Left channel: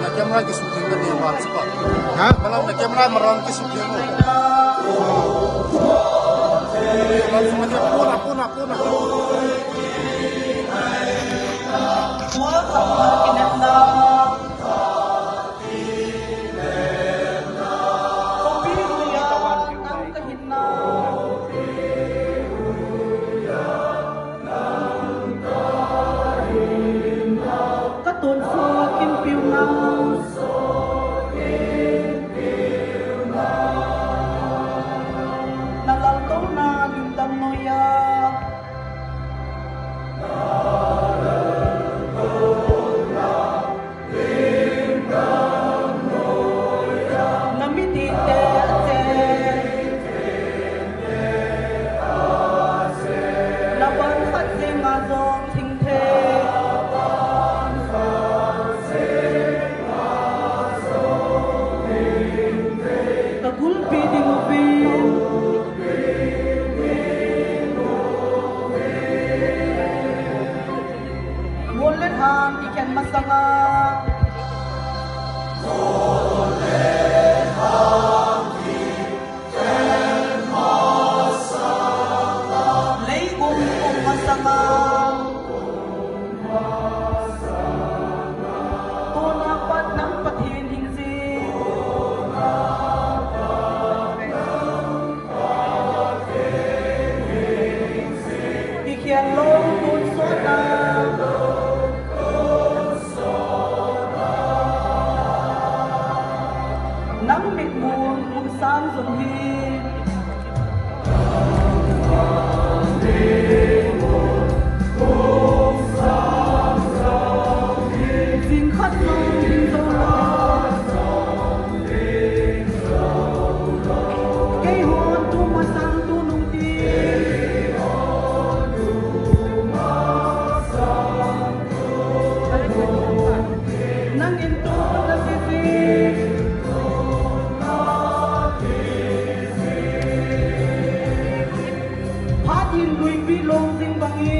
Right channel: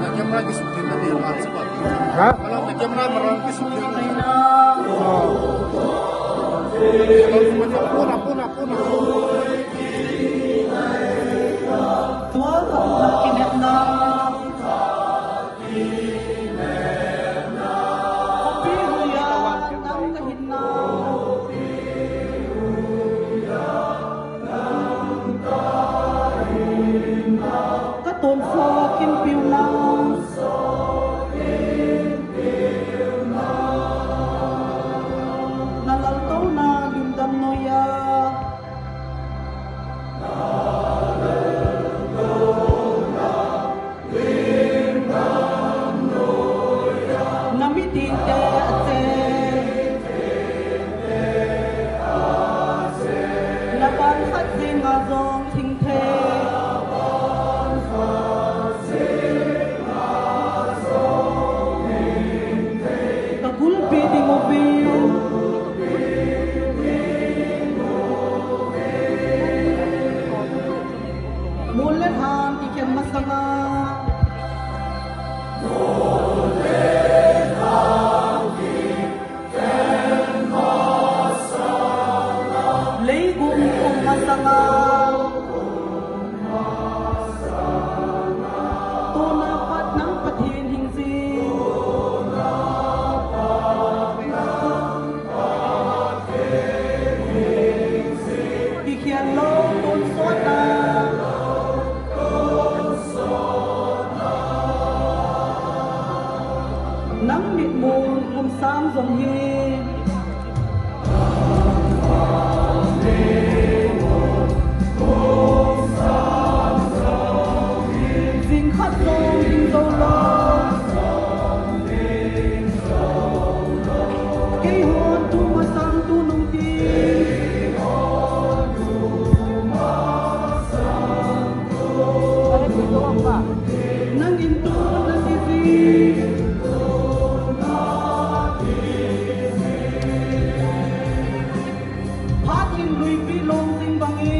na camera ke suki na dia mat spot ha kalau na camera maron ke suki mo puna tuần so kim piu nang na lang tong na yung tam noya namiti te na ban khat te ma zong thing the Molen hang ikan masanga Leigung masanga Tuna pat nang pathin hingsi Ikian long tun sona nắng mịt mù mùn san dòng hi dinh khát dâu dinh dâu lo cây hồn tu mà san tu nung ti nang in tu na si Hãy subscribe cho kênh Ghiền Mì Gõ để không bỏ lỡ